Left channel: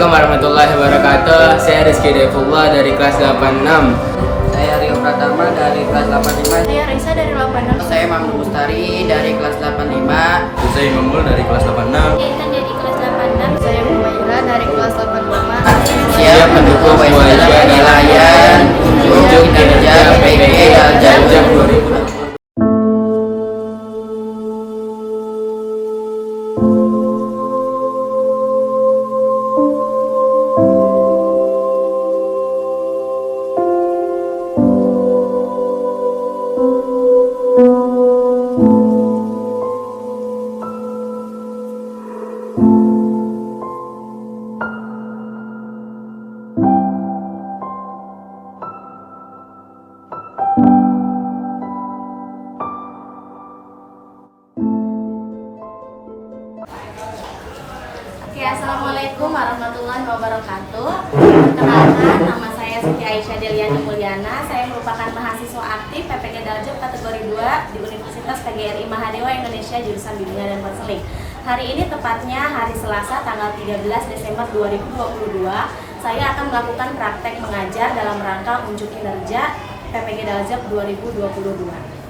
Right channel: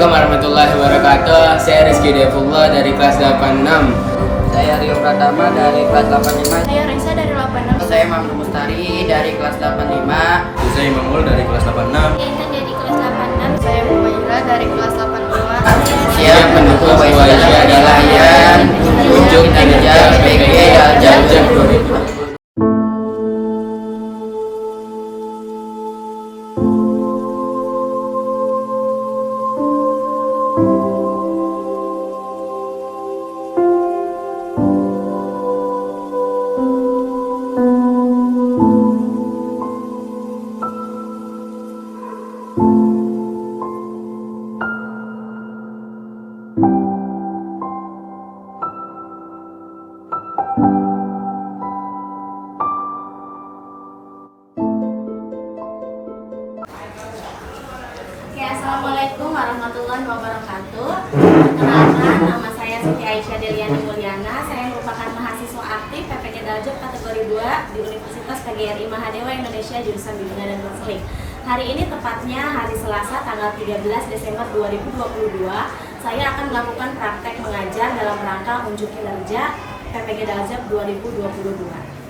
Assalamualaikum warahmatullahi wabarakatuh. Saya Rizky Devullah dari kelas 86. Saya Rio Pratama dari kelas 85. Saya Raisa dari 86. Saya Mamdu Mustari dari kelas 85. Saya Imamul dari kelas 86. Saya Intan dari kelas 86. Saya Humaira dari kelas 85. Siap mendukung sebuah penilaian untuk kinerja PPG Daljab 2020. Assalamualaikum warahmatullahi wabarakatuh. Perkenalkan, nama saya Siti Aisyah Deliani Mulyana. Saya merupakan mahasiswa aktif PPG Daljab kategori 2 di Universitas PGRI Mahadewa Indonesia jurusan Bimbingan dan Konseling. Hari ini tepatnya hari Selasa tanggal 13 Desember 2022, saya akan melakukan praktek mengajar dalam rangka unjuk kinerja PPG Daljab 2022.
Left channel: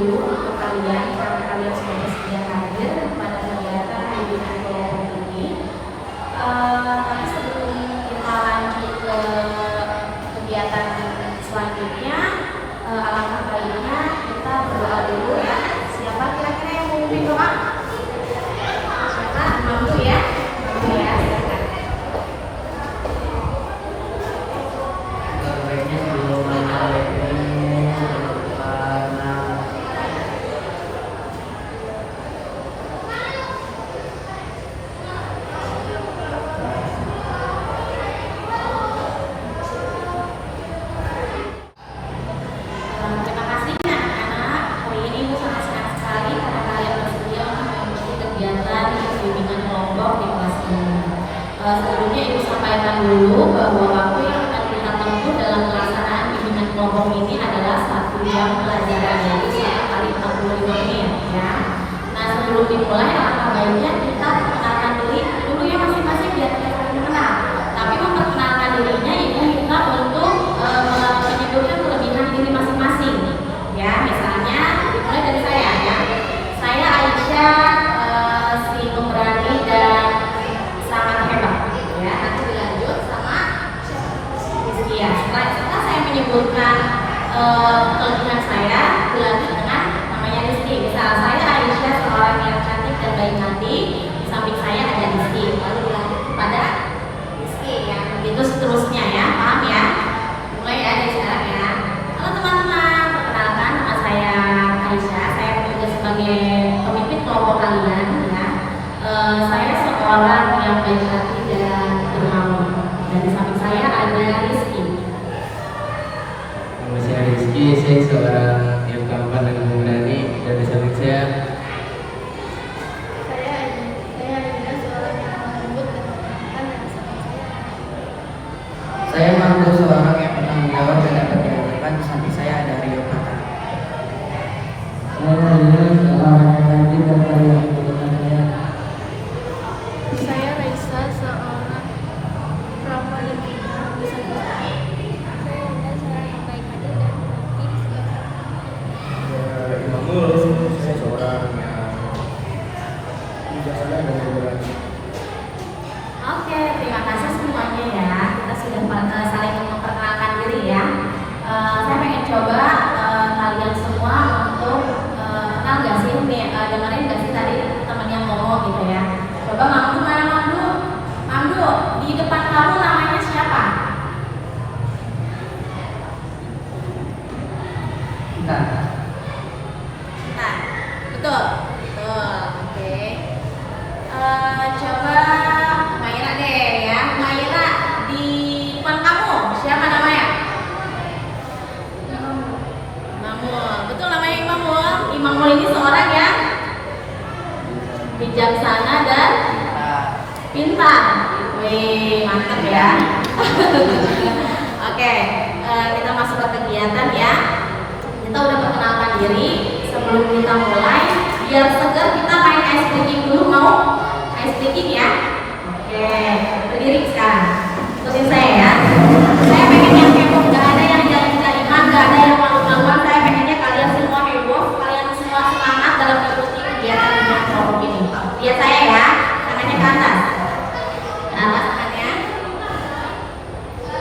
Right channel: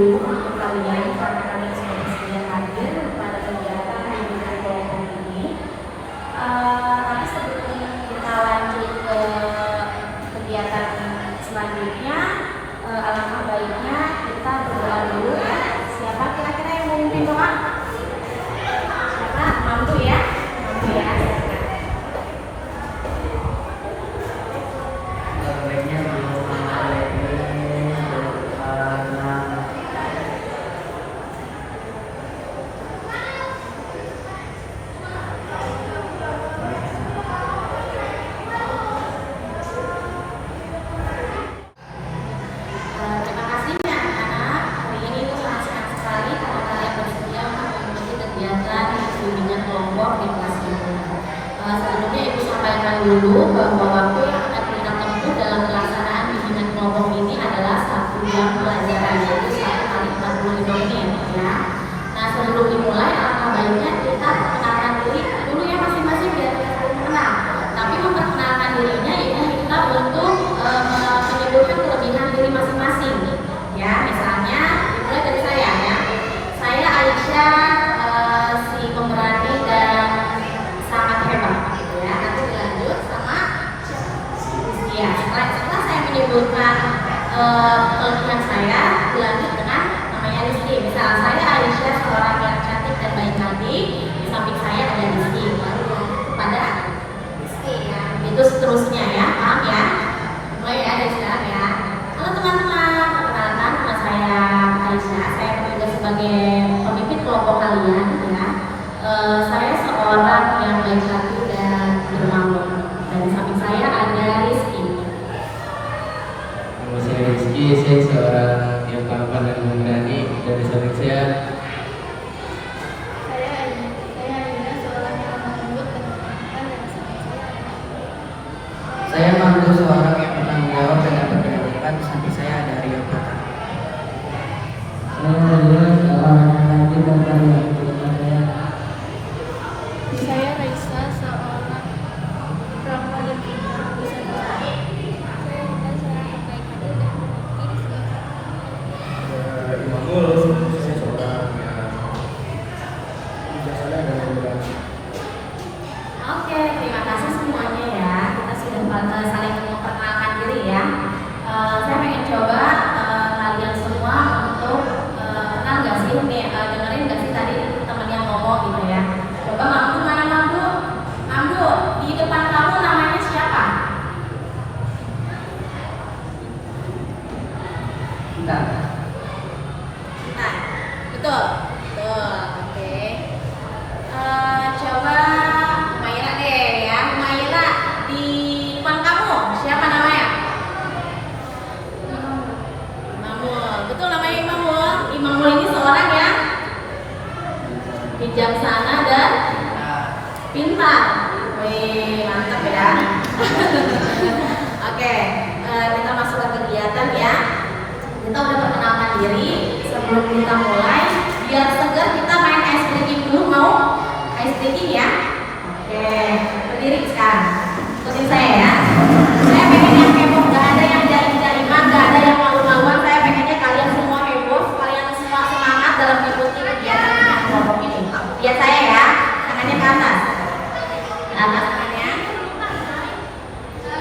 Untuk kalian, karena kalian sudah bersedia hadir pada kegiatan bimbingan kelompok ini. Tapi sebelum kita lanjut ke kegiatan selanjutnya, alangkah baiknya kita berdoa dulu ya. Siapa kira-kira yang mau memimpin doa? Siapa? Mampu ya? Mampu ya? Silakan. Bimbingan kelompok di kelas ini. Sebelumnya Ibu sampaikan dulu bahwa waktu yang akan kita tempuh dalam pelaksanaan bimbingan kelompok ini adalah satu jam pelajaran, yaitu 1 kali 45 menit ya. Nah, sebelum dimulai alangkah baiknya kita perkenalkan diri dulu ya masing-masing biar kita saling mengenal. Tapi memperkenalkan dirinya Ibu minta untuk menyebutkan kelebihan diri masing-masing. Ya, misalnya dimulai dari saya ya. Saya Aisyah, pemberani dan sangat hebat ya. Nanti dilanjut sama Rizky ya. Setelah saya menyebutkan kelebihan saya, dilanjut dengan namanya Rizky. Misal saya Aisyah, seorang yang cantik dan baik hati, di samping saya ada Rizky, lalu dilanjut kepada Rizky ya. Itu seterusnya ya, paham ya? Mulai ya dari sekarang ya. Halo teman-teman, perkenalkan nama saya Aisyah. Saya bertugas sebagai pemimpin kelompok kalian ya. Saya seorang yang baik hati dan dermawan. Dan di samping saya ada Rizky. Nama saya Rizky, saya seorang yang tampan dan pemberani. Dan di samping saya Aina, seorang yang lembut dan menyenangkan. Dan di samping Saya Mamdu, seorang yang bertanggung jawab dan dapat diandalkan. Di samping saya ada Rio Pratama. Saya seorang yang cantik dan baik. saya Raisa, seorang ramah dan pintar. Di samping saya Intan, seorang yang baik hati dan berbakti. Di sebelah saya Imamul, saya seorang yang bijaksana dan berani. Oke, terima kasih semuanya ya. Kita sudah saling memperkenalkan diri ya. Saya pengen coba kalian semua untuk kenal nggak sih nih, dengerin nggak sih tadi temen yang ngomong gitu ya. Coba Mamdu, mana Mamdu? Mamdu, di depan kamu namanya siapa? Intan. Nah, betul, betul, oke. Coba Maira deh ya. Maira, di depan kamu siapa namanya? Imamul. Betul namanya Imamul. Imamul ini seorang yang bijaksana sederhana dan pintar. Wih, mantap ya. Oke, kita masuk ke kegiatan ya. Kita udah perkenalkan diri. Sebelum kita mulai, biar segar kita main ice breaking dulu. Mau ice breaking ya? Oke, berdiri sekarang. Ikutin saya ya. Saya pengen yang heboh, nggak ada yang jari-jariman, nggak ada yang malu-maluan. Saya pengennya kalian semua heboh, kalian semua semangat dalam mengikuti kegiatan yang kelompok ini. Lihat saya ya, tangannya ke atas. Ke atas tangannya.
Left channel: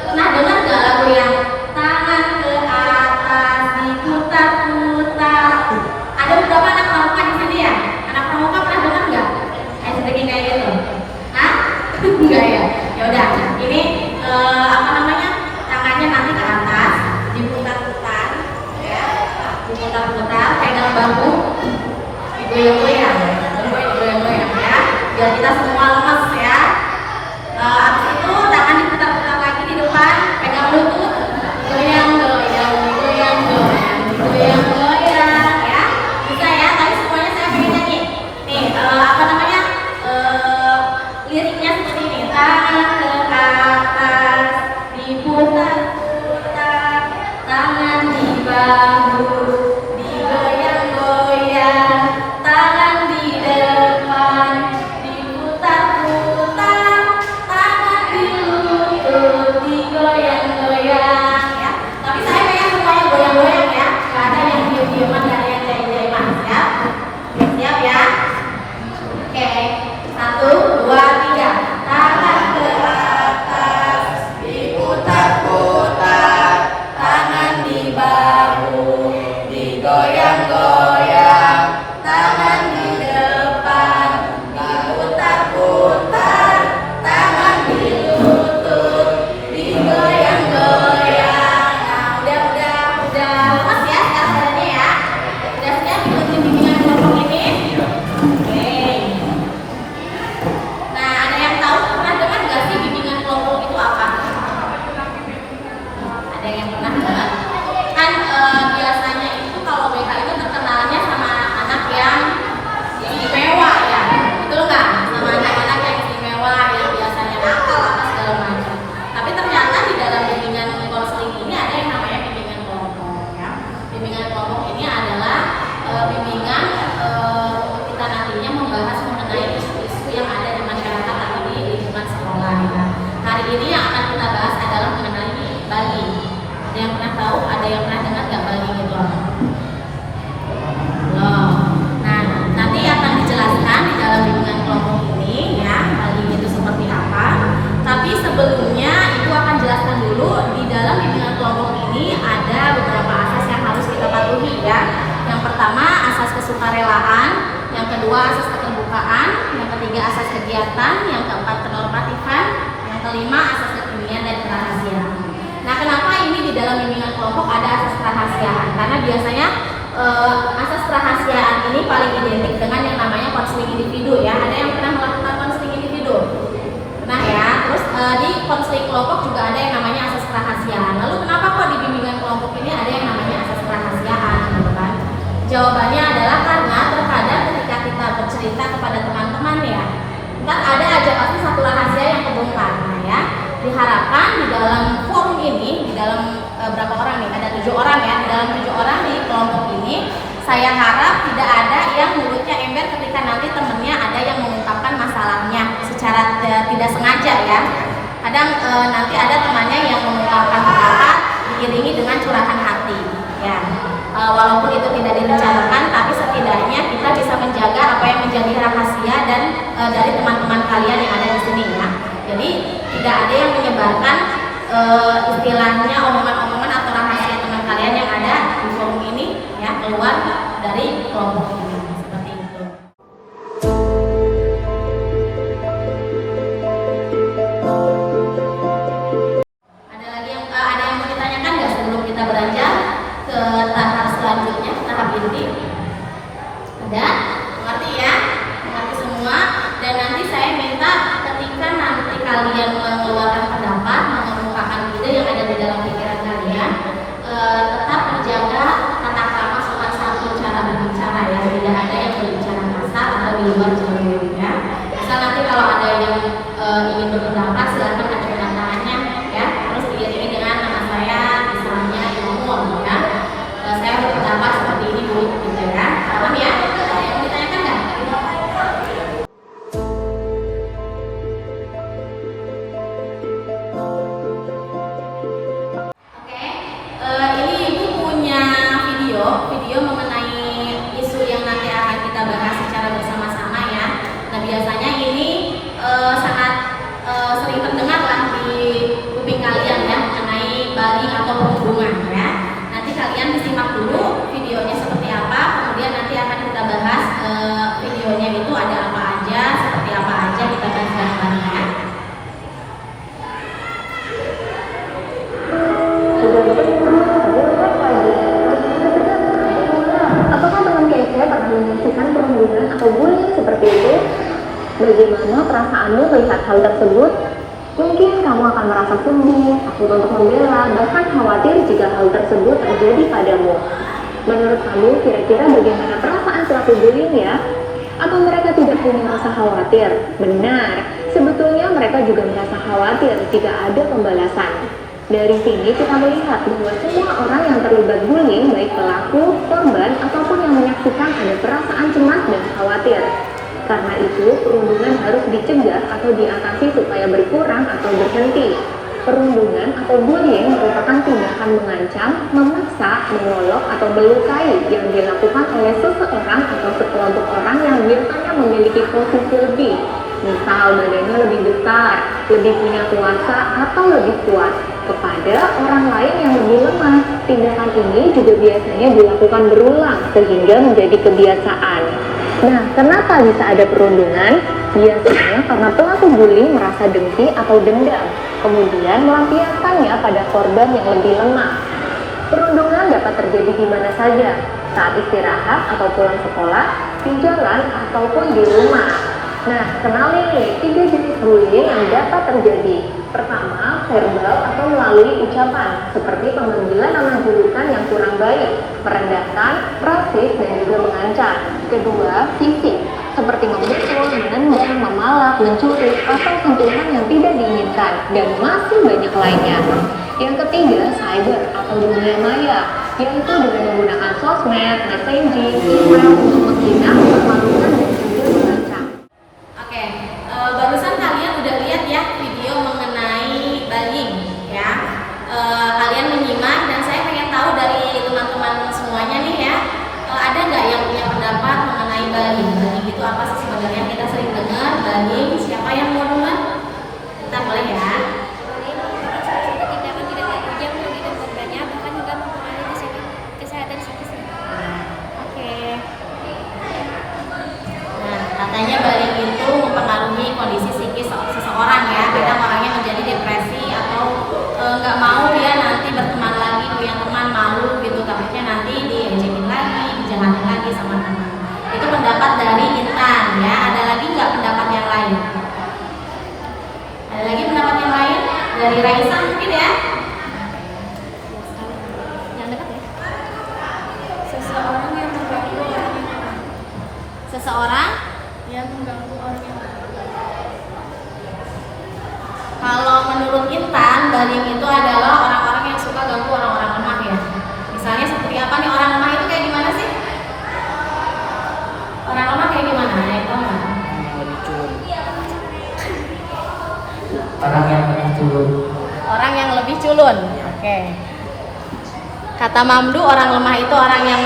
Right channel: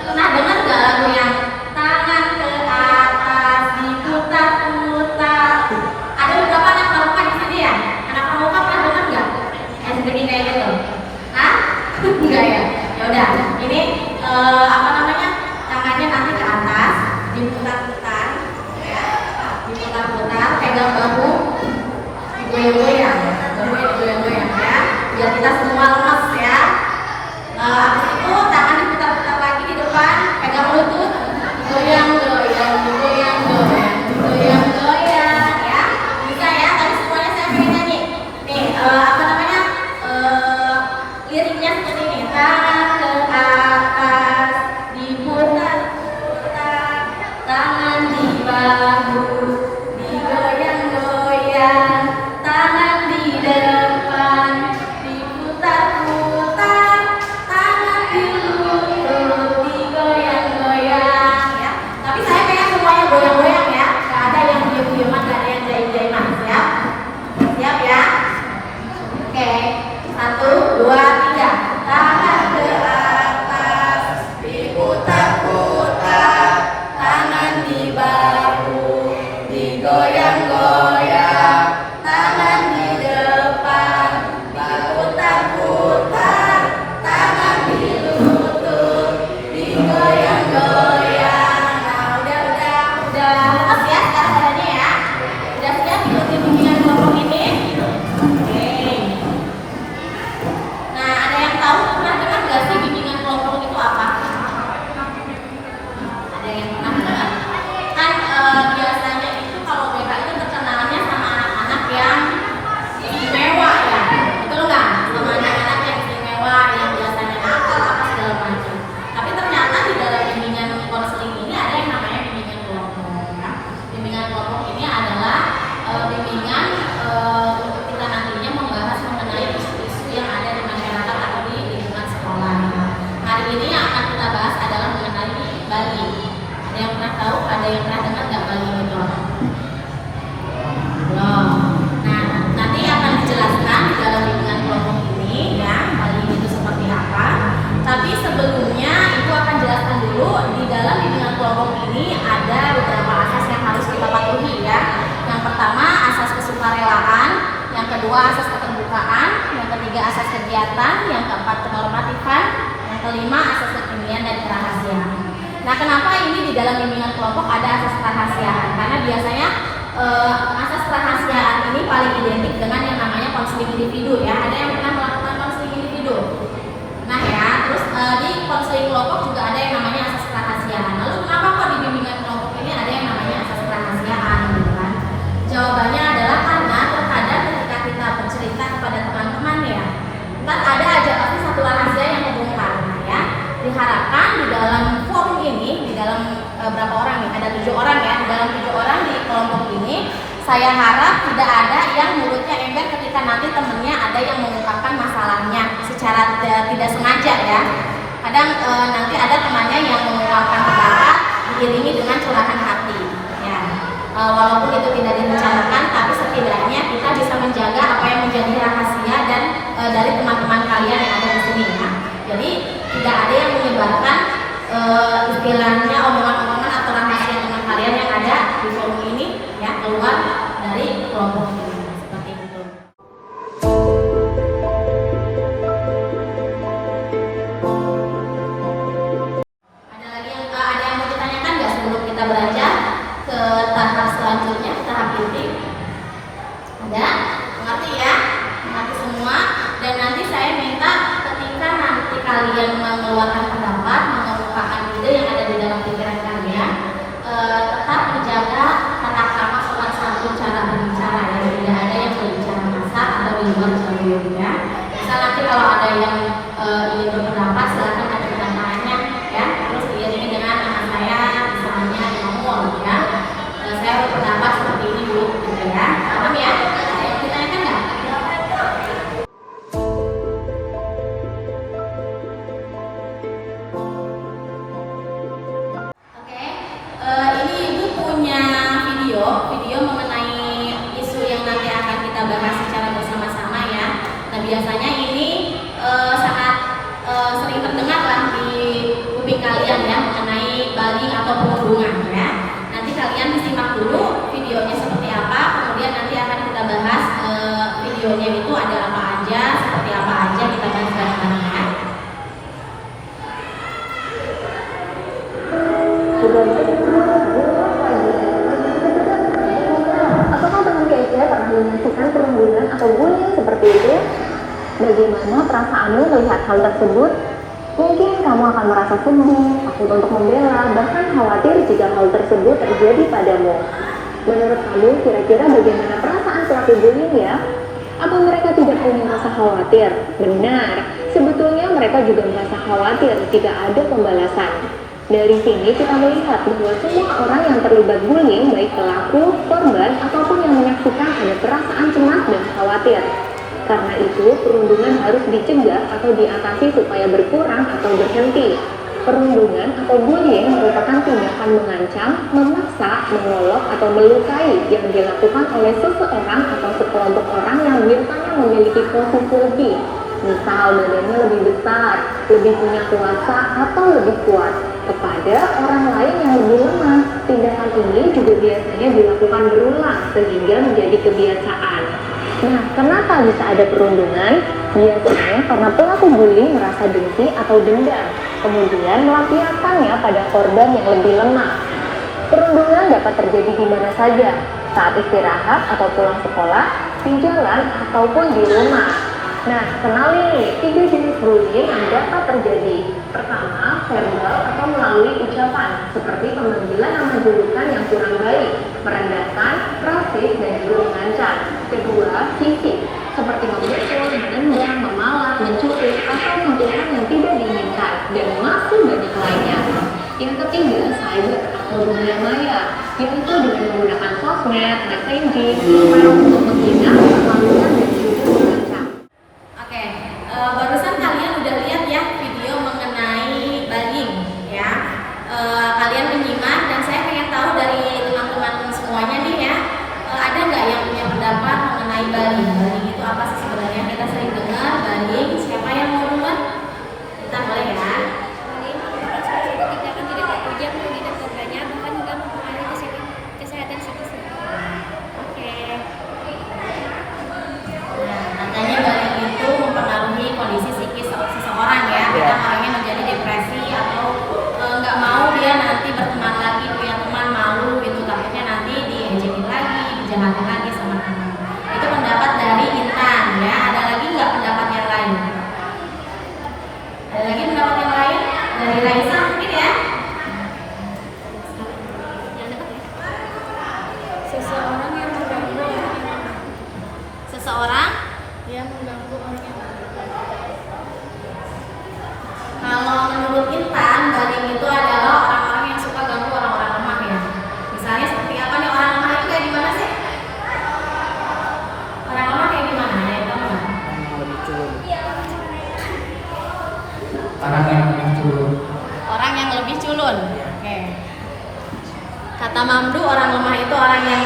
Pernah dengar nggak lagu yang tangan ke atas diputar-putar? Ada beberapa anak pramuka di sini ya. Anak pramuka pernah dengar nggak? Ice breaking kayak gitu? Hah? Enggak ya? Yaudah, ini apa namanya? Tangannya nanti ke atas, diputar-putar, ya, diputar-putar, pegang bambu, digoyang-goyang, digoyang-goyang ya, biar kita semua lemas ya. Habis itu tangan diputar-putar lagi di depan, pegang lutut, digoyang-goyang, digoyang-goyang, digoyang-goyang, ya, bisa ya. Tapi semuanya saya pengen nyanyi. Nih, apa namanya? Liriknya seperti ini. Tangan ke atas, diputar-putar, tangan di bahu, digoyang-goyang, tangan di depan, diputar-putar, tangan di lutut, digoyang-goyang ya. Tapi saya pengen semuanya goyang-goyang ya. Gak ada yang diam-diaman, gak ada yang jaim-jaiman. Siap? Siap ya? Oke, 1, 2, 3. Tangan ke atas, diputar-putar, tangan di bahu, digoyang-goyang, tangan di depan, diputar-putar, tangan di lutut, digoyang-goyang. Nah, udah lepas ya sekarang badannya ya. Udah siap ikutin bimbingan kelompok ini? Oke. Nah, ada yang tahu pernah dengar nggak sih bimbingan kelompok itu apa? Ada yang pernah dengar? Kan biasanya itu kalau BK itu terkenalnya sama anak-anak yang istimewa ya, betul nggak? Sama anak-anak yang istimewa yang biasanya nakal apa segala macam. Tapi ternyata di dalam bimbingan konseling ini ada yang namanya bimbingan kelompok ya. Bimbingan kelompok ini adalah bimbingan untuk kita nantinya membahas mengenai isu-isu yang ada di masyarakat atau di lingkungan sekolah. Nah, hari ini yang akan kita bahas adalah mengenai Bali. Ada yang pernah tahu? Ada yang pernah dengar nggak Bali itu apa? Wow. Nah, nanti akan dijelaskan di dalam bimbingan kelompok ini ya, Bali itu seperti apa. Tapi sebelumnya Ibu akan jelaskan dulu di dalam bimbingan kelompok ini ada beberapa asas yang harus kita patuhi ya. Yang pertama asas kesukarelaan, yang kedua asas keterbukaan, yang ketiga asas kegiatan, yang keempat kenormatifan, yang kelima asas kekinian dan kerahasiaan. Nah, kenapa ini di dalam bimbingan kelompok ada asas kerahasiaan? Karena biasanya asas kerahasiaan ini paling identik dengan yang namanya konseling individu ya. Ada yang pernah melakukan konseling individu? Nah ya, terus di konseling kelompok juga ada yang namanya asas kerahasiaan. Lalu kenapa kok di bimbingan kelompok ini ada yang namanya asas kerahasiaan gitu kan? Jawabannya adalah karena terkadang ketika kita bercerita kepada teman-teman ya, ntar ada aja pasti satu rahasia yang kebongkar. Nah ya, diharapkan di dalam forum ini, di dalam berapa orang nih? Ada 7 orang ya. Di dalam 7 orang di kelompok ini, saya harap tidak ada yang mulutnya ember ketika nanti temennya ada yang mengungkapkan masalahnya secara tidak sengaja ya. Kadang nanti ada temannya yang mengungkapkan pendapat diiringi dengan curahan hati ya. Walaupun itu tidak direncanakan, tapi setidaknya kita bisa menjaga apa yang menjadi rahasia dan dari teman-teman kalian yang ada di sini ya. Jadi tidak ada yang menyebarkan istilahnya omongan-omongan atau rahasia teman kalian yang ada di forum ini ya, keluar dari kelompok ini seperti itu. Ada yang mau ditanyakan nggak sebelum kita beranjak ke tahap selanjutnya, tahap inti? Ada? Mengerti ya? Mengerti semua? Dan nanti saya minta ketika nanti kalian mengeluarkan pendapat, mengemukakan ide yang ada di dalam pikiran kalian, tetap menjaga tata krama sopan santun cara berbicara ya. Tidak ada yang berbicara kasar atau di luar jalur ya. Bisa nanti kalau ada yang ingin berpendapat silakan ajukan tangannya ya. Terus diiringi dengan nama saya, misalnya Imamul ya. Saya berpendapat seperti ini Bu, gitu ya. Paham ya? Ada yang mau ditanyakan nggak? Oke, ini Ibu punya video mengenai isu yang nanti akan kita bahas secara bersama-sama ya. Nah biasanya ini sangat sering terdengar lah di kuping kalian ya mengenai bullying atau perundungan ya. Nanti kalian disimak dulu videonya seperti apa, kemudian nanti akan kita bahas videonya itu ada apa aja, seperti apa aja, kita bahas bareng ya. Apakah teman KC pernah menyaksikan perundungan atau bullying seperti itu? Bagaimana perasaanmu melihat hal tersebut? Mungkin kamu akan merasa sedih, takut untuk membela, bahkan khawatir jika hal tersebut terjadi padamu. Menurut kamu, kira-kira bagaimana perasaan pelaku bullying ya? Atau mereka tidak punya rasa khawatir? Benar, sebetulnya mereka juga merasa khawatir jika ada pembalasan. Dari sini kita melihat bahwa semua orang yang terlibat bullying, baik pelaku, korban, ataupun yang menyaksikan ada perasaan cemas dan khawatir. Karena itu, perundungan harus dicegah atau diatasi supaya berkurang atau berhenti. Perundungan atau bullying merupakan tindakan mengancam, memaksa, mengolok, atau melukai yang dilakukan oleh seseorang atau sekelompok orang yang biasanya memiliki posisi lebih. Misal badannya lebih besar, lebih punya kuasa, atau lebih kuat kepada orang lain yang lebih lemah. Tindakan ini juga biasanya dilakukan berulang sehingga menjadi kebiasaan. Nah, kenapa bisa ada perundungan? Biasanya karena pelaku bullying merasa dengki atau dendam, kemudian melampiaskannya pada korban yang lebih lemah. Perundungan dapat terjadi di mana saja, saat istirahat atau pulang sekolah, di jalan, ataupun di rumah. Nah, kenali nih 3 jenis bullying yang dapat terjadi. Pertama, verbal atau melalui ucapan, seperti pemanggilan nama julukan yang kurang baik, merendahkan, rasis, dan juga mengancam. Kedua, fisik, seperti memukul, menendang, memalak, mencuri, atau sentuhan yang tidak diinginkan, dan masih banyak lainnya. Yang ketiga, cyber atau dunia maya, yaitu dengan menggunakan sosmed, messaging, email untuk menghina, mempermalukan, dan juga mengancam. Oke, barusan kalian udah lihat ya video mengenai bullying ya. Kalian menyimak dan saya pengen tahu dari teman-teman semuanya nih ya, ada nggak yang punya pendapat mengenai bullying? Bullying itu apa sih sebenarnya? Kita sering dengar bullying. Siapa yang mau duluan? Kita boleh ya. Bullying merupakan salah satu tindakan tidak terpuji yang merugikan korbannya, bahkan juga mempengaruhi kesehatan psikisnya. Oke. Nah, katanya bullying itu mempengaruhi kondisi psikis seseorang ya. Kadang orangnya menjadi depresi atau nggak mau dia nanti berteman lagi, punya teman, malu gitu, takutnya nanti diecekin lagi, dijahatin lagi sama teman. Itu pendapat dari Intan ya. Ada lagi nggak pendapat yang lain? Ada lagi pendapat yang lain? Dari Raisa mungkin ya? Seseorang yang mengganggu orang yang lemah. Seseorang Yang mengganggu orang yang lemah. kalau menurut Intan, bullying itu adalah orang-orang yang suka ganggu orang-orang lemah ya. Misalnya seperti apa nih orang lemah itu kayak gimana sih? Orang lemah kayak gimana? Nah, itu enggak? Orang yang lebih culun. Orang yang lebih culun. Oke. Kata Mamdu, orang lemah itu orang yang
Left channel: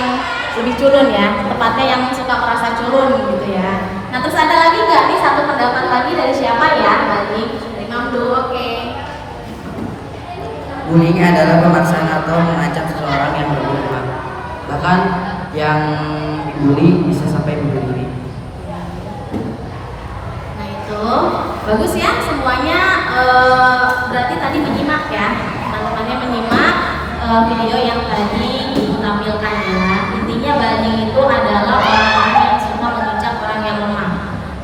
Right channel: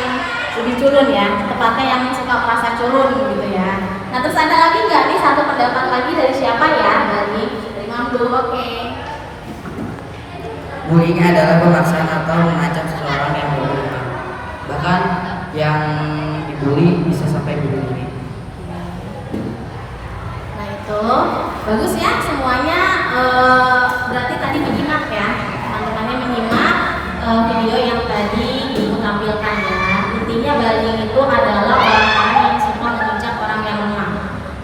lebih culun ya. Tepatnya yang suka merasa culun gitu ya. Nah, terus ada lagi nggak nih satu pendapat lagi dari siapa ya? Dari Mamdu. Oke. Bullying adalah pemaksaan atau mengancam seseorang yang lebih lemah. Bahkan yang dibully bisa sampai bunuh diri. Nah itu bagus ya semuanya, berarti tadi menyimak ya, teman-temannya menyimak video yang tadi Ibu tampilkan ya. Intinya bullying itu adalah orang-orang yang suka menginjak orang yang lemah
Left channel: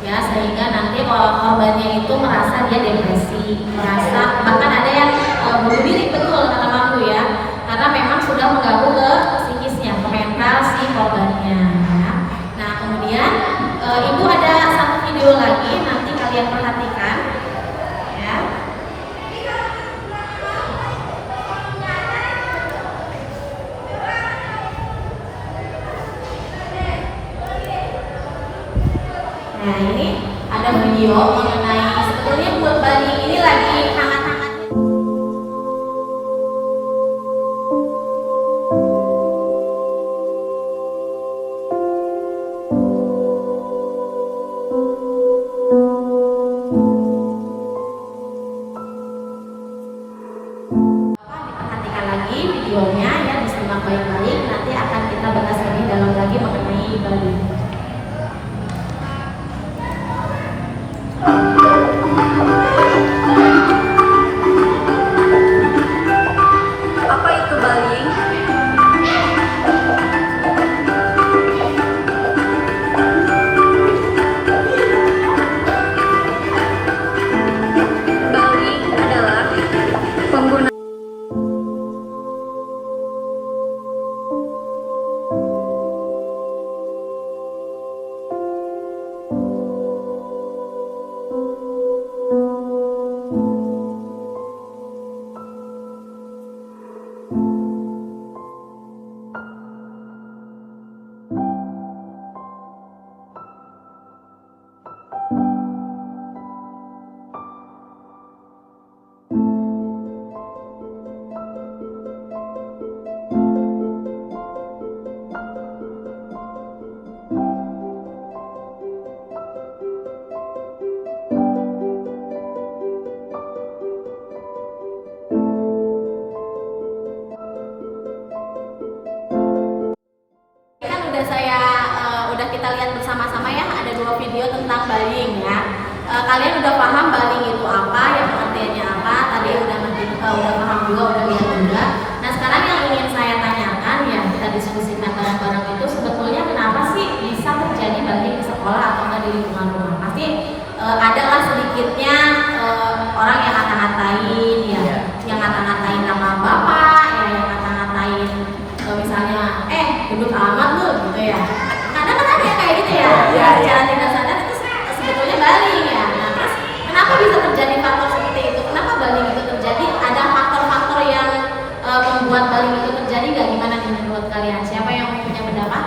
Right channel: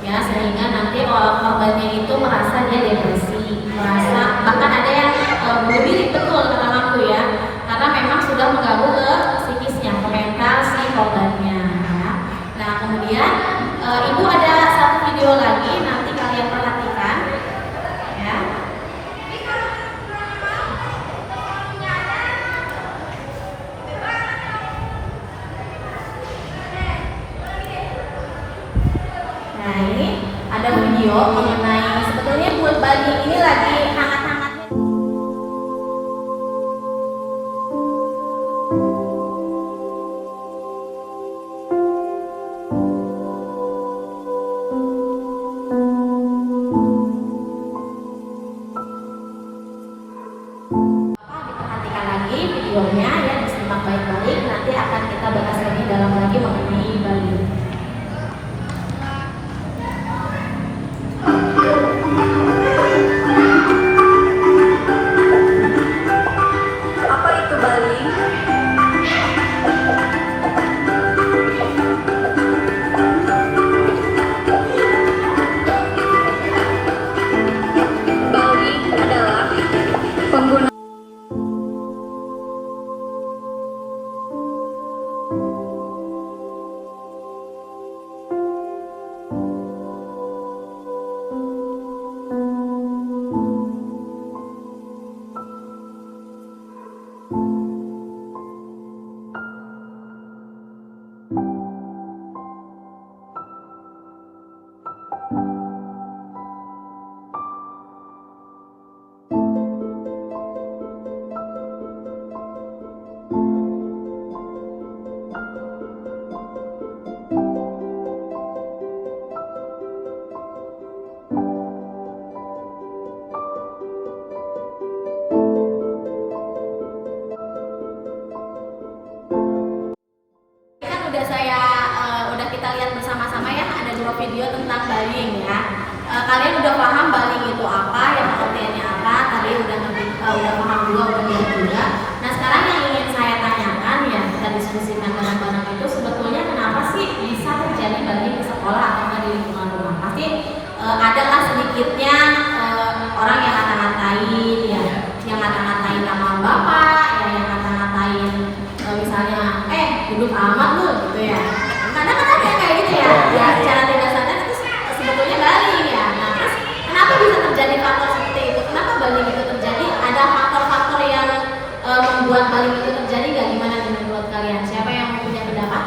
ya, sehingga nanti korbannya itu merasa dia depresi, merasa bahkan ada yang bunuh diri, betul kata Mampu ya, karena memang sudah mengganggu ke psikisnya, ke mental si korbannya ya. Nah kemudian Ibu ada satu video lagi, nanti video mengenai sebetulnya buat Bali ini lagi hangat-hangatnya. Diperhatikan lagi videonya ya, disimak baik-baik, nanti akan kita bahas lebih dalam lagi mengenai Bali. Apa itu Bali? Bali adalah pengguna udah kita lihat bersama-sama ya, ada 2 video tentang baling ya. Kalian udah paham baling itu apa, yang pengertiannya apa, tadi udah paham juga, udah lihat juga. Nah sekarang yang ingin saya tanyakan ya, kita diskusikan bareng-bareng itu sebetulnya kenapa sih bisa terjadi baling di sekolah atau di lingkungan rumah. Pasti adalah sedikitnya orang yang ngata-ngatain ya, yang ngata-ngatain nama bapak ya, yang ngata-ngatain misalnya hidup amat lu gitu ya. Kadang kan ada kayak gitu ya, secara tidak sadar itu sebetulnya baling ya. Nah terus kenapa bisa terjadi faktor seperti itu? Kenapa baling itu terjadi? Ada faktor-faktor yang membuat baling itu terjadi nggak? Gimana nih menurut kalian? Siapa yang punya pendapat?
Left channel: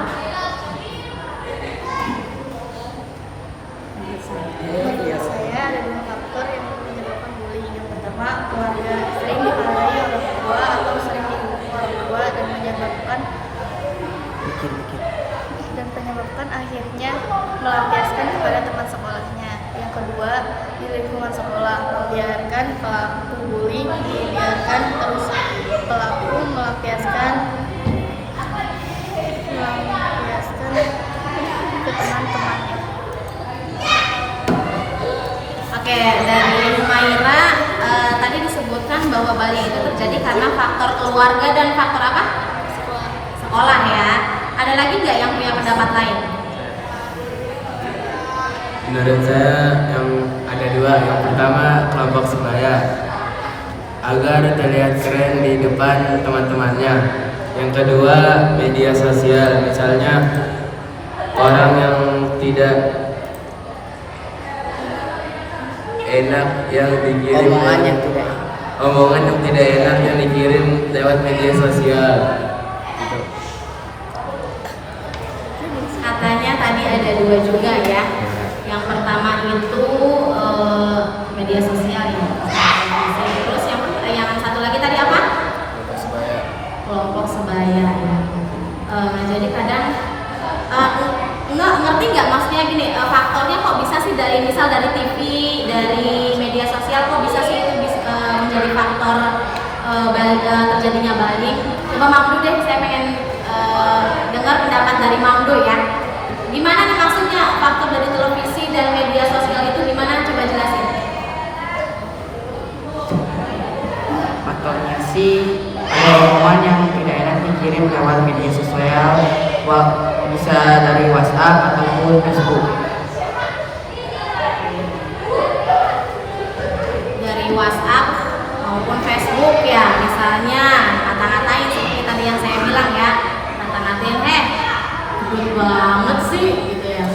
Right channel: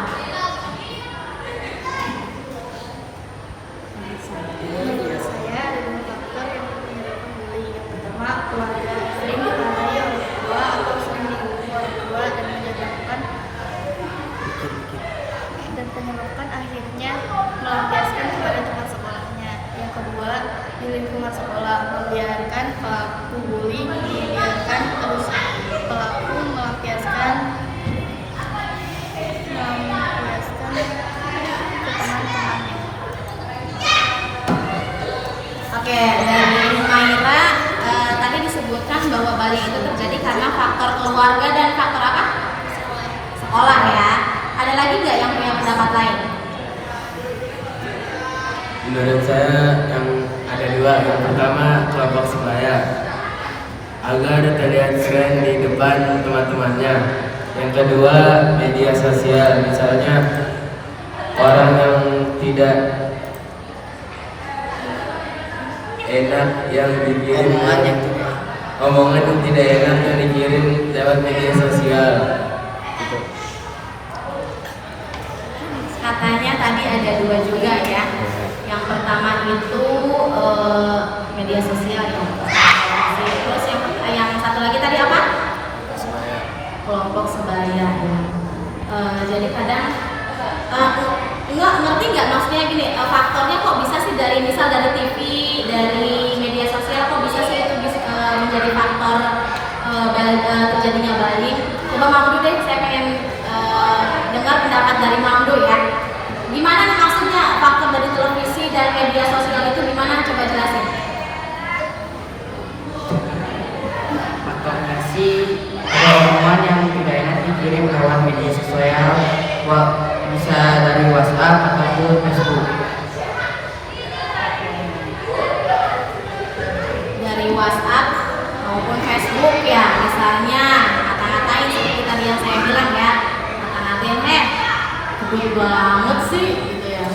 Saya ada 2 faktor yang menyebabkan bullying. Yang pertama, keluarga sering dimarahi orang tua atau sering dihukum orang tua dan menyebabkan akhirnya melampiaskan kepada teman sekolahnya. Yang kedua, di lingkungan sekolah membiarkan pelaku bullying, dibiarkan terus pelaku melampiaskan ke teman-temannya. Oke, dari Maira tadi disebutkan bahwa baling itu terjadi karena faktor keluarga dan faktor apa? Sekolah ya. Ada lagi nggak yang punya pendapat lain? Menurut saya yang ada 2. Yang pertama kelompok sebaya agar terlihat keren di depan teman-temannya. Yang kedua media sosial, misalnya orang yang tidak enak yang dikirim, omongan yang tidak enak yang dikirim lewat media sosial. Gitu. Katanya tadi ada 2 juga ya. Yang pertama itu media sosial ya. Terus yang satu lagi tadi apa? Kelompok sebaya ya. Jadi kadang ngerti nggak maksudnya gini, faktornya kok bisa sih dari misal dari TV, dari media sosial kok bisa sih itu bisa menjadi faktor terjadinya baling. Coba Mamdu deh, saya pengen dengar pendapat dari Mamdu ya. Gimana nih maksudnya faktor dari televisi dan media sosial itu gimana? Coba jelasin. Faktornya sih ada omongan yang tidak enak dikirim lewat media sosial, bisa dari WhatsApp ataupun Facebook. Dari WhatsApp maupun Facebook ya, misalnya ngata-ngatain seperti tadi yang saya bilang ya, ngata-ngatain gede banget sih gitu ya,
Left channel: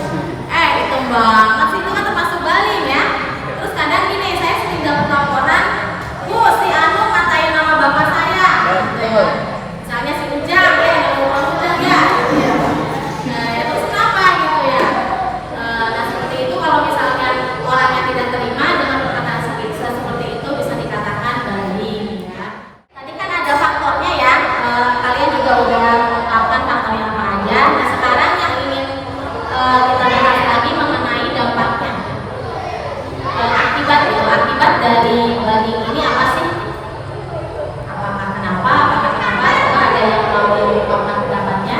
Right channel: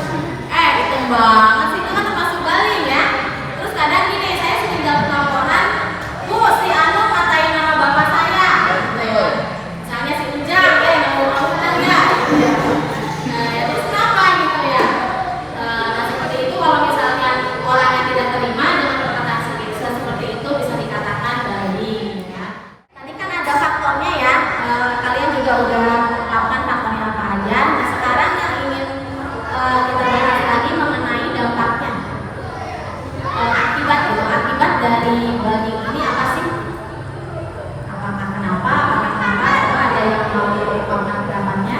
hitam banget sih, itu kan termasuk baling ya. Terus kadang gini, saya sering dapat laporan, Bu si Anu ngatain nama bapak saya gitu ya. Misalnya si Ujang, nama Ujang ya gitu ya. Nah ya terus kenapa gitu ya. Nah seperti itu kalau misalnya orang yang dari banding ini apa sih? Apakah kenapa? Coba ada yang mau mengungkapkan pendapatnya?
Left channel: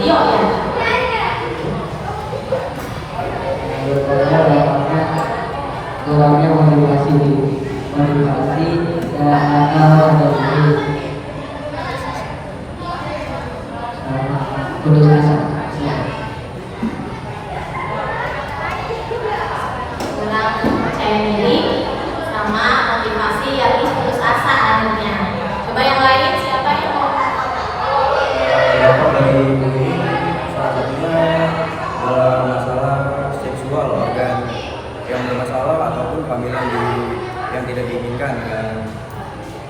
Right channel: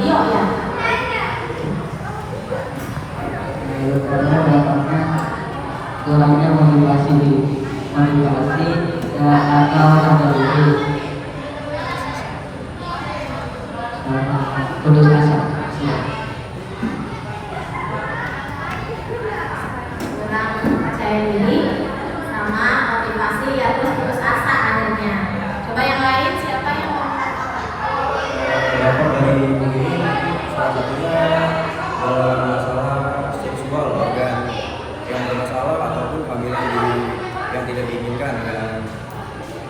Rio ya. Menurut saya dampaknya kurangnya motivasi dan atau dari putus asa. Kurang percaya diri sama motivasi ya, terus putus asa akhirnya. Coba yang lain, siapa yang mau? Dampak dari bullying salah satunya dalam masalah seksual organ yang bermasalah ataupun kehamilan yang tidak diinginkan, dan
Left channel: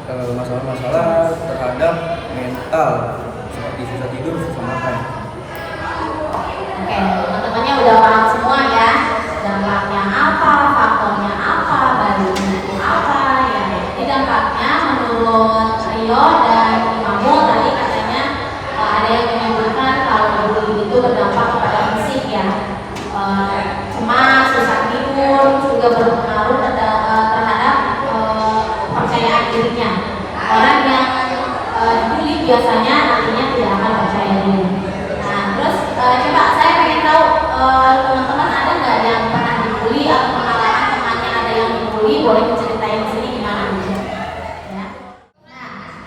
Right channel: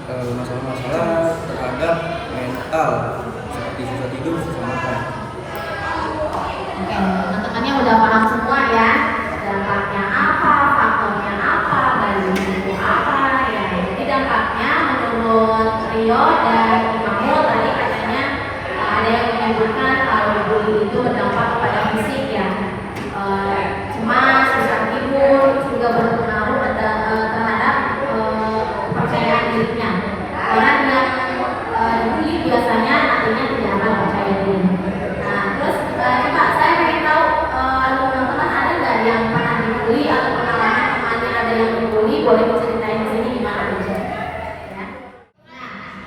masalah-masalah terhadap mental seperti susah tidur, susah makan. Oke, teman-temannya udah paham semua ya. Dampaknya apa, faktornya apa, bandingnya itu apa ya. Jadi dampaknya menurut Rio dan Mahmud tadi katanya ada yang menyebutkan kalau bullying itu berdampak pada fisik ya. Cemas, susah tidur juga berpengaruh terhadap percayaan dirinya. Orang yang dibully biasanya nantinya tidak akan percaya diri. Nah, terus coba saya pengen tahu teman-teman ada nggak yang pernah dibully atau pengalaman temannya ada yang dibully, boleh diceritain di sini gimana ya. Nah,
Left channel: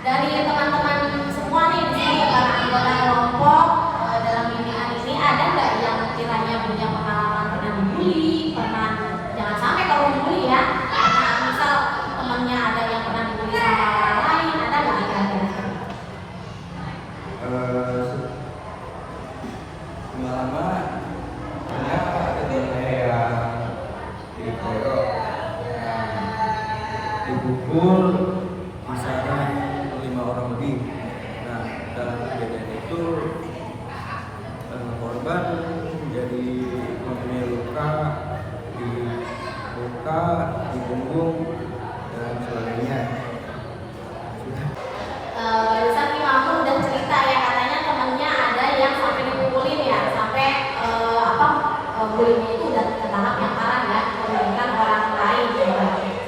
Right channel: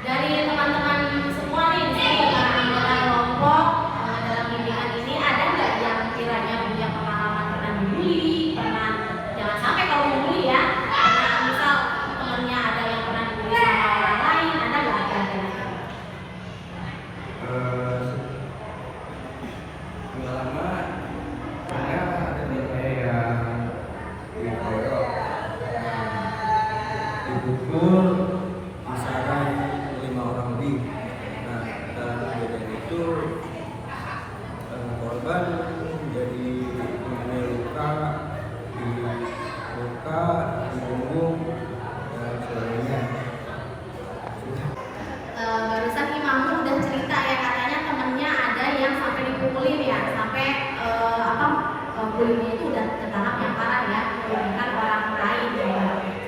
dari teman-teman semua nih di sini para anggota kelompok dalam bimbingan ini ada nggak yang kiranya punya pengalaman pernah dibully, pernah jangan sampai kalau dibully ya, karena misal temannya ada yang pernah dibully sama orang lain, ada nggak kira-kira? Pengalaman karena ada teman saya yang dikeroyok, dipukul, kisaran 5 orang lebih. Nah, dalam kejadian itu korban jadi mempunyai luka di muka, di punggung, dan sebagainya. Barusan nih Mamu udah cerita ya, katanya temennya ada yang sampai dipukulin ya, sampai bullyingnya itu udah ke tahap yang parah ya, bukan orang lain ya.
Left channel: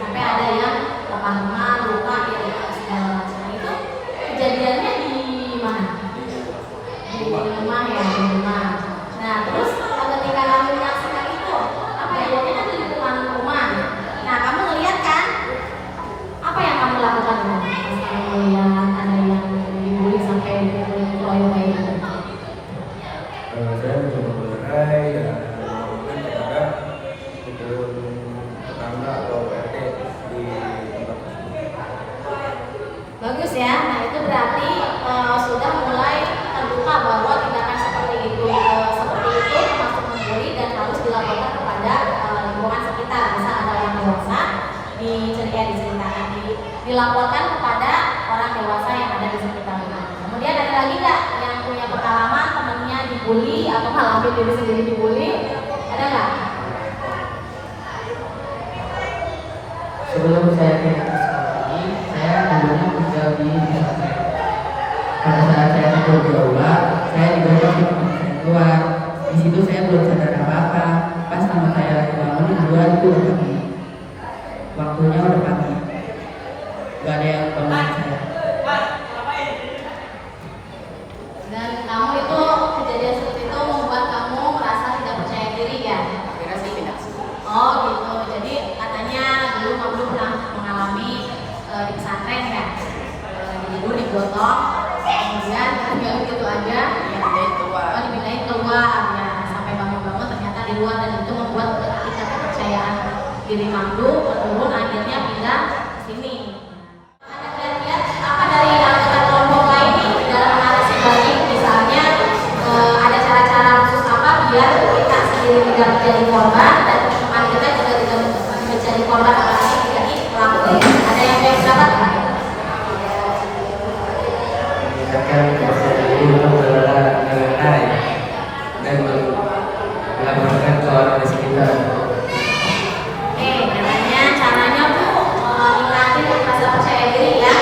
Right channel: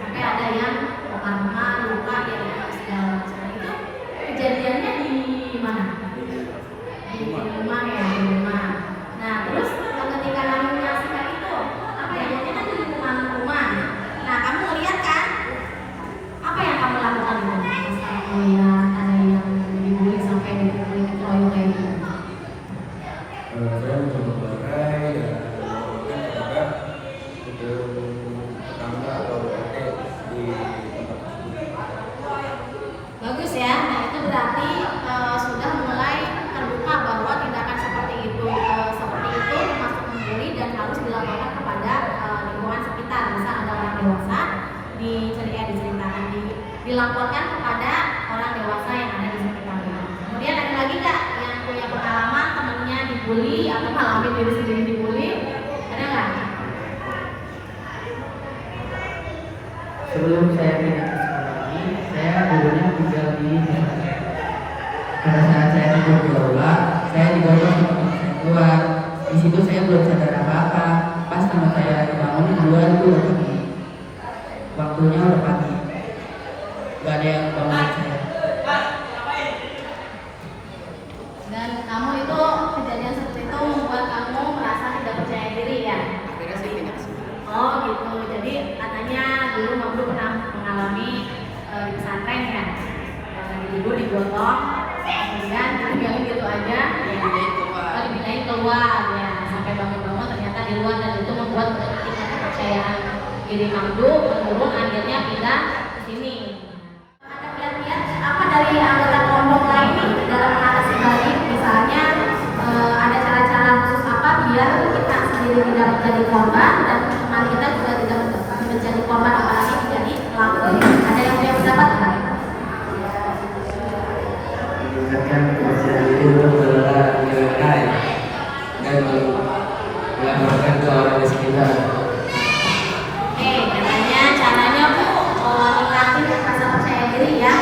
Sampai ada yang teman-teman luka ya, segala macam. Itu kejadiannya di mana? Di rumah ya, di rumah. Nah terus ketika kamu menyaksikan itu, kejadiannya kan di depan rumah. Nah kamu ngeliat kan? Apa yang kamu lakukan? Pas kamu melihat ada yang dibully sampai dikeroyok kayak gitu. Saya mencoba bercerai dan melaporkan kepada hukum tetangga atau RT di tempat tersebut. Bagus ya, nah itu berarti sudah mulai terbuka bahwa tindakan seperti itu termasuk membuli dan harus dilaporkan kepada lingkungan sekitar. Misal ada orang dewasa diceritakan, dilaporkan kepada orang dewasa yang ada di sekitar. Kemudian ada lagi nggak yang punya pengalaman temannya dibully atau ngalamin diri sendiri dibully? Ada nggak? Sebelum saya pindah ke sekolah ini, saya dulunya tinggal di pesantren. Pada saat saya tidur di aula, saya dibawa ke teman saya keluar. Di situ saya belum sadar apa-apa. Pas sama saya lagi bangun di luar itu udah pagi. Waktunya udah pagi. Gak ada yang bangunin saya. Dan kamu itu kejadian seperti itu membuat kamu merasa tidak percaya diri ya? Oh gitu. Jadi katanya dulu kamu pernah mengalami di pesantren ya? Lagi tidur digotong, kemudian ditinggalin gitu aja, dibilangin keluar ya. Sampai bangun-bangun ternyata di luar, dan itu membuat kita kepercayaan diri Mamdu menurun, akhirnya pindah ke sini. Ada kiat-kiat apa dari anggota kelompok lain nih dalam mengatasi bullying? Misalnya ada cara-cara khusus apa biar kita sendiri tidak menjadi korban dan teman kita juga tidak menjadi korban, apalagi menjadi pelaku. Ada yang baik pendapat? Mengingatkan masa diri untuk mengelola dengan baik dan melaporkan ke orang di sekitar. Katanya caranya Bu ningkatin rasa percaya diri ya,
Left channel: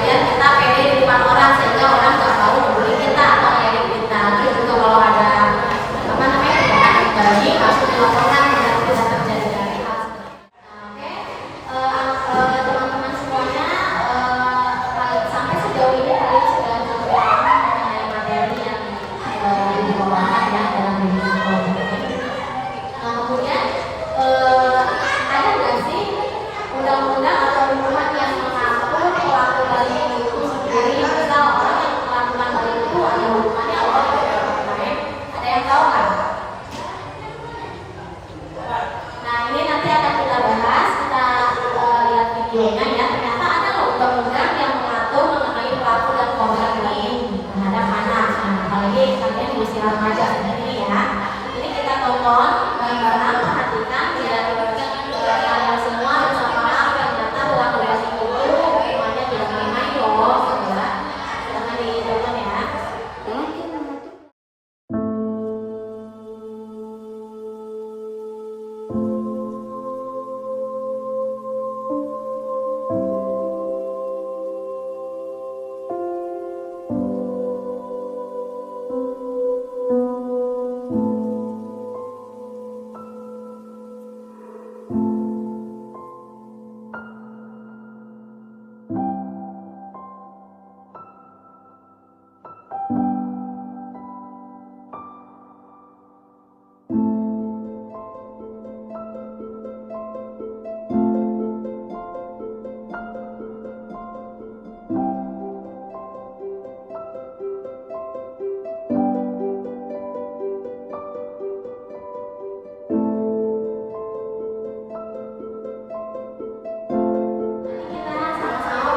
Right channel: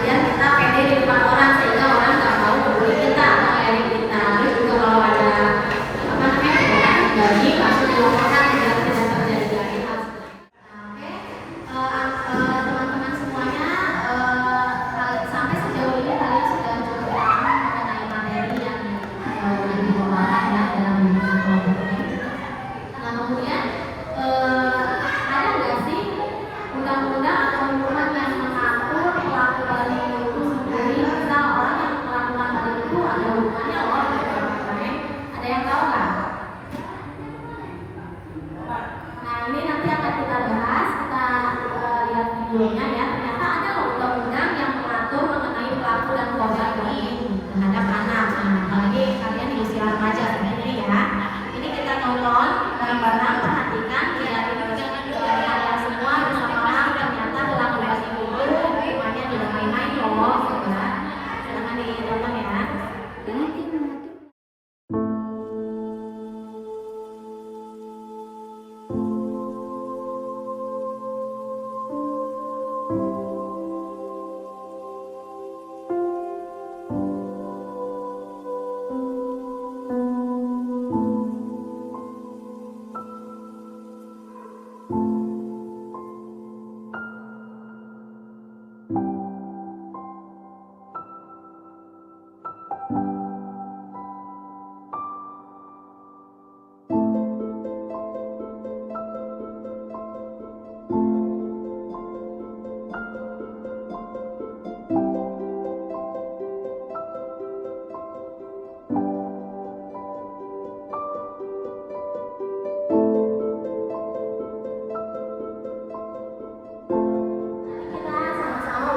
biar kita pede di depan orang sehingga orang nggak mau membuli kita atau ngeledek kita. Terus juga kalau ada tindakan bullying langsung dilaporkan biar tidak terjadi lagi hal seperti itu. undang-undang atau hukuman yang mengatur pelaku bullying itu sendiri. Misal orang yang melakukan bullying itu ada hukumannya apa gitu? Ada yang tahu nggak? Nah ini nanti akan kita bahas, kita lihat videonya ya. Ternyata ada loh undang-undang yang mengatur mengenai pelaku dan korban bullying terhadap anak. Nah apalagi kalian di usia remaja ini ya. Ini kita tonton bareng-bareng, perhatikan biar kalian semua bisa paham ternyata undang-undang itu hukumannya tidak main-main loh. Silahkan ditonton ya.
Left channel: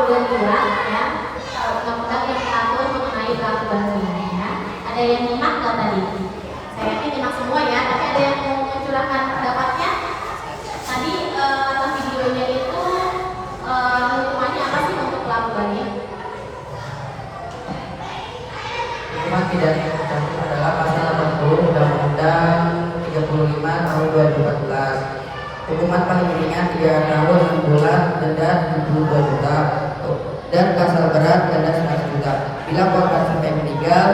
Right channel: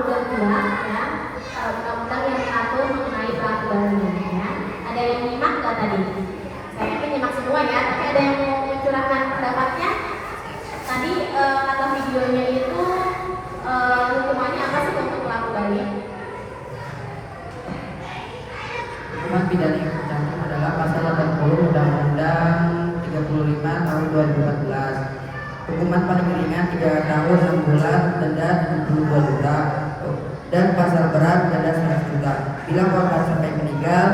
Udah dua ya, undang-undang yang mengatur mengenai pelaku bullying ya. Ada yang nyimak nggak tadi? Saya yakin nyimak semua ya, tapi ada yang mau mencurahkan pendapatnya? Tadi atas videonya itu hukumannya apa sih untuk pelaku bullying? Hukuman pidana yang tercantum adalah pasal 80 Undang-Undang 35 tahun 2014. Hukuman paling ringan 3 tahun 6 bulan, denda 72 juta, dan pasal berat denda 100 juta. Bila korban sampai meninggal,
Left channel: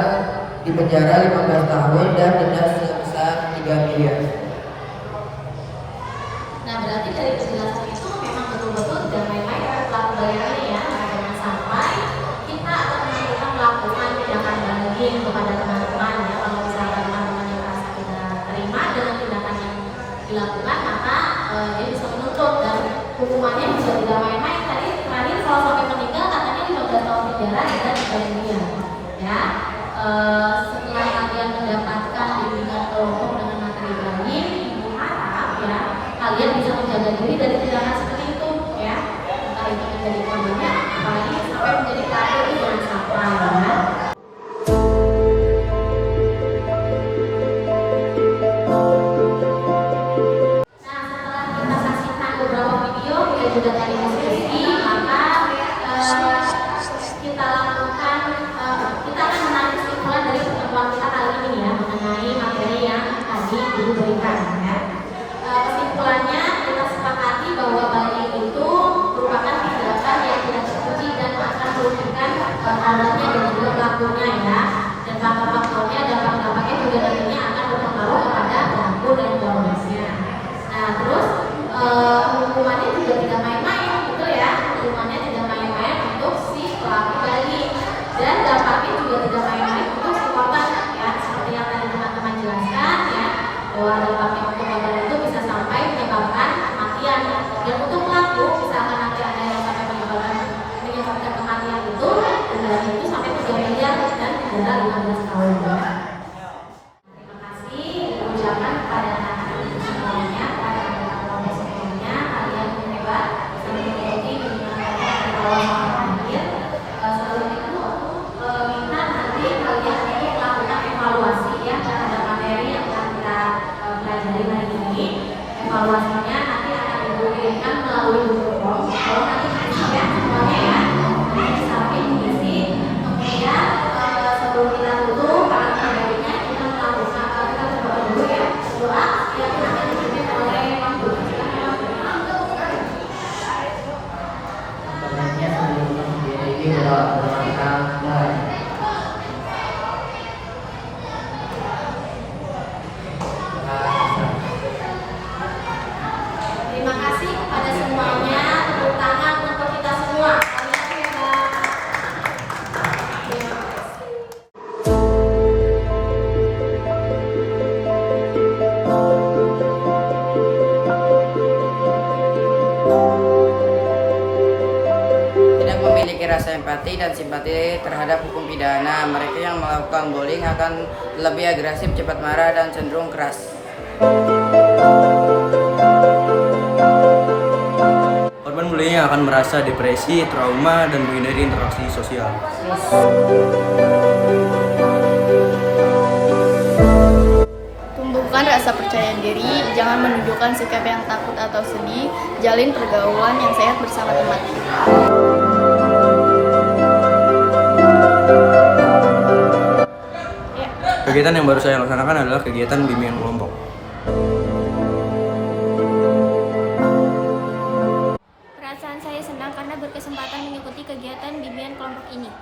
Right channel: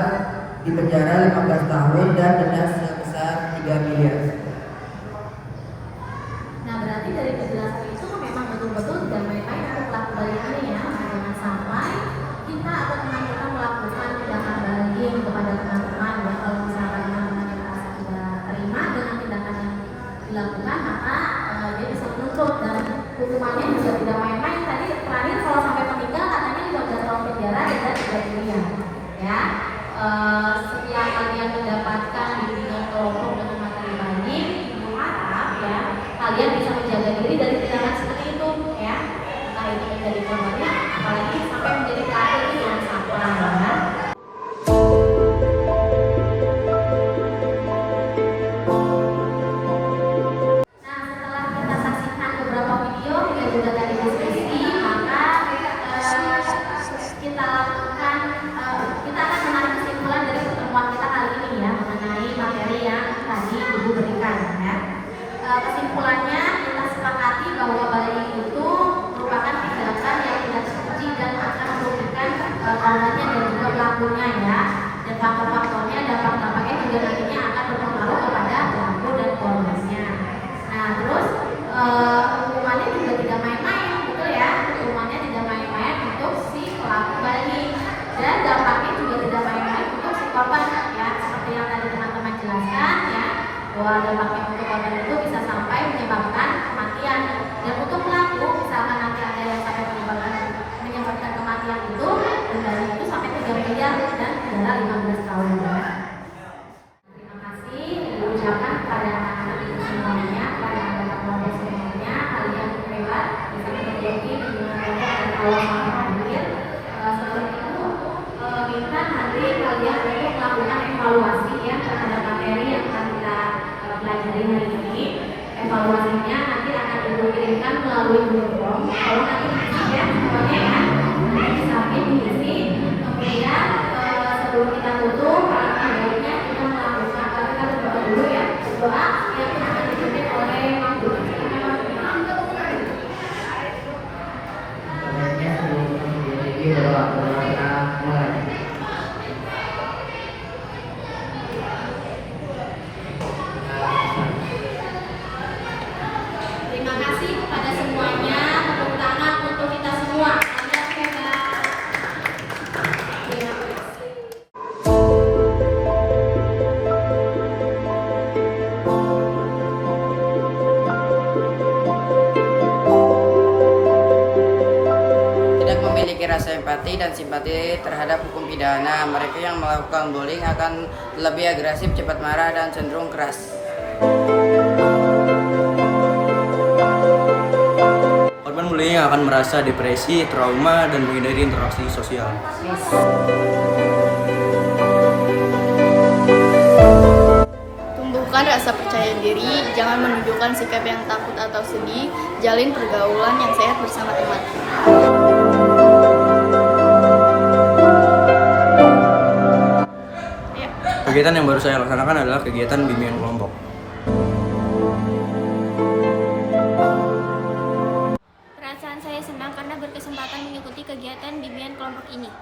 dipenjara 15 tahun dan denda sebesar 3 miliar. Nah berarti dari penjelasan itu memang betul-betul tidak main-main untuk pelaku bullying ini ya. Nah, jangan sampai kita atau teman kita melakukan tindakan bullying kepada teman-teman ya. Kalau misalnya teman-teman yang merasa tidak terima dengan tindakan yang dilakukan, maka dia bisa menuntut dan hukumannya bisa tidak main-main. Tadi terakhir kalau sampai meninggal katanya 15 tahun penjara dan 3 miliar ya. Setelah kalian mendapatkan bimbingan kelompok dengan materi bullying, harap ya kalian bisa menjaga diri dari tindakan seperti itu ya. Entah itu menjadi korbannya, apalagi sampai menjadi pelaku ini jangan sampai ya. Juga tadi diskusi, maka kita akan menarik kesimpulan dari pertemuan kita kali ini ya mengenai materi yang tadi Ibu berikan ya. Kesimpulannya kita sepakati bahwa bullying itu merupakan tindakan yang tidak terpuji dan akan merugikan korbannya dan juga pelakunya ya. Dan faktor-faktornya dan dampak-dampaknya juga nantinya akan berpengaruh kepada pelaku dan korbannya. Nah terus hukumannya juga tidak main-main, betul ya? Hukumannya tidak main-main untuk si pelaku bullying dan dampaknya juga tidak main-main untuk si korban ya. Seperti yang tadi teman-teman jelaskan ya, bahwa dampaknya untuk korban itu bisa sampai menyebabkan kematian. Dan untuk pelaku, misalkan nanti ada yang sampai menyebabkan kematian itu, denda itu sampai 3 miliar dan penjara 15 tahun ya. Terima kasih diucapkan kepada anak-anak semuanya, kepada anak-anak kelompok semuanya. Kalian hebat, bisa mengikuti dengan mereka kalau sampai akhir. Setelah itu minta nanti kalian untuk melakukan evaluasi ya terhadap materi yang akan kita pelajari hari ini. Evaluasinya nanti akan dikirimkan melalui Google Form. Kalau nanti diisi ya semuanya ya, nanti sampai diisi. Kemudian sebelum kita tutup, baiknya kita melakukan kita berdoa dulu ya. Doa yang akan dipimpin oleh Pak Guru. Sebenarnya sebelum sendiri ini berdoa mulai. Terima kasih kepada semuanya. Tepuk tangan untuk kita semua. Kalian hebat. Terima kasih. memiliki rasa empati dan simpati terhadap hukum pidana. Mereka yang melakukan bullying akan lebih agresif, cepat marah, dan cenderung keras. Korban bullying akan merasa depresi, trauma, dan menghindari interaksi sosial. Tumbuhkan rasa percaya diri, jangan menunjukkan sikap yang takut atau sedih, jalin pergaulan yang sehat bersama teman. Kegiatan yang baru saya laksanakan adalah kegiatan bimbingan kelompok. Perasaan saya senang karena berkesempatan mengikuti kegiatan bimbingan kelompok ini.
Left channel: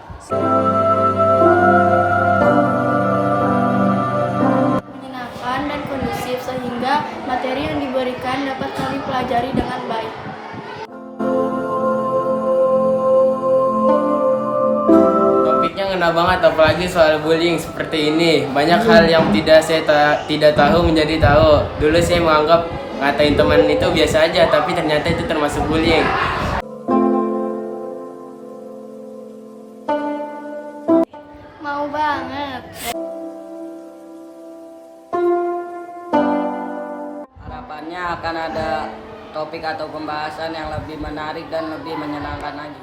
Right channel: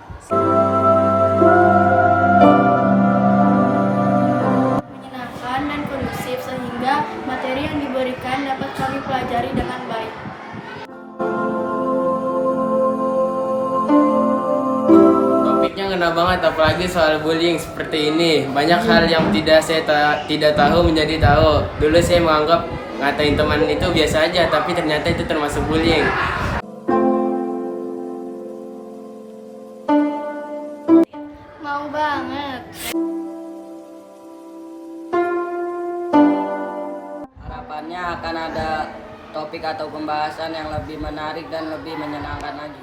Menyenangkan dan kondusif sehingga materi yang diberikan dapat kami pelajari dengan baik. Topiknya ngena banget, apalagi soal bullying seperti ini. Banyak hal yang tidak tahu menjadi tahu. Dulu saya menganggap ngatain teman itu biasa aja, tapi ternyata itu termasuk bullying. Mau banget. Harapannya akan ada topik atau pembahasan yang lebih menarik dan lebih menyenangkan lagi.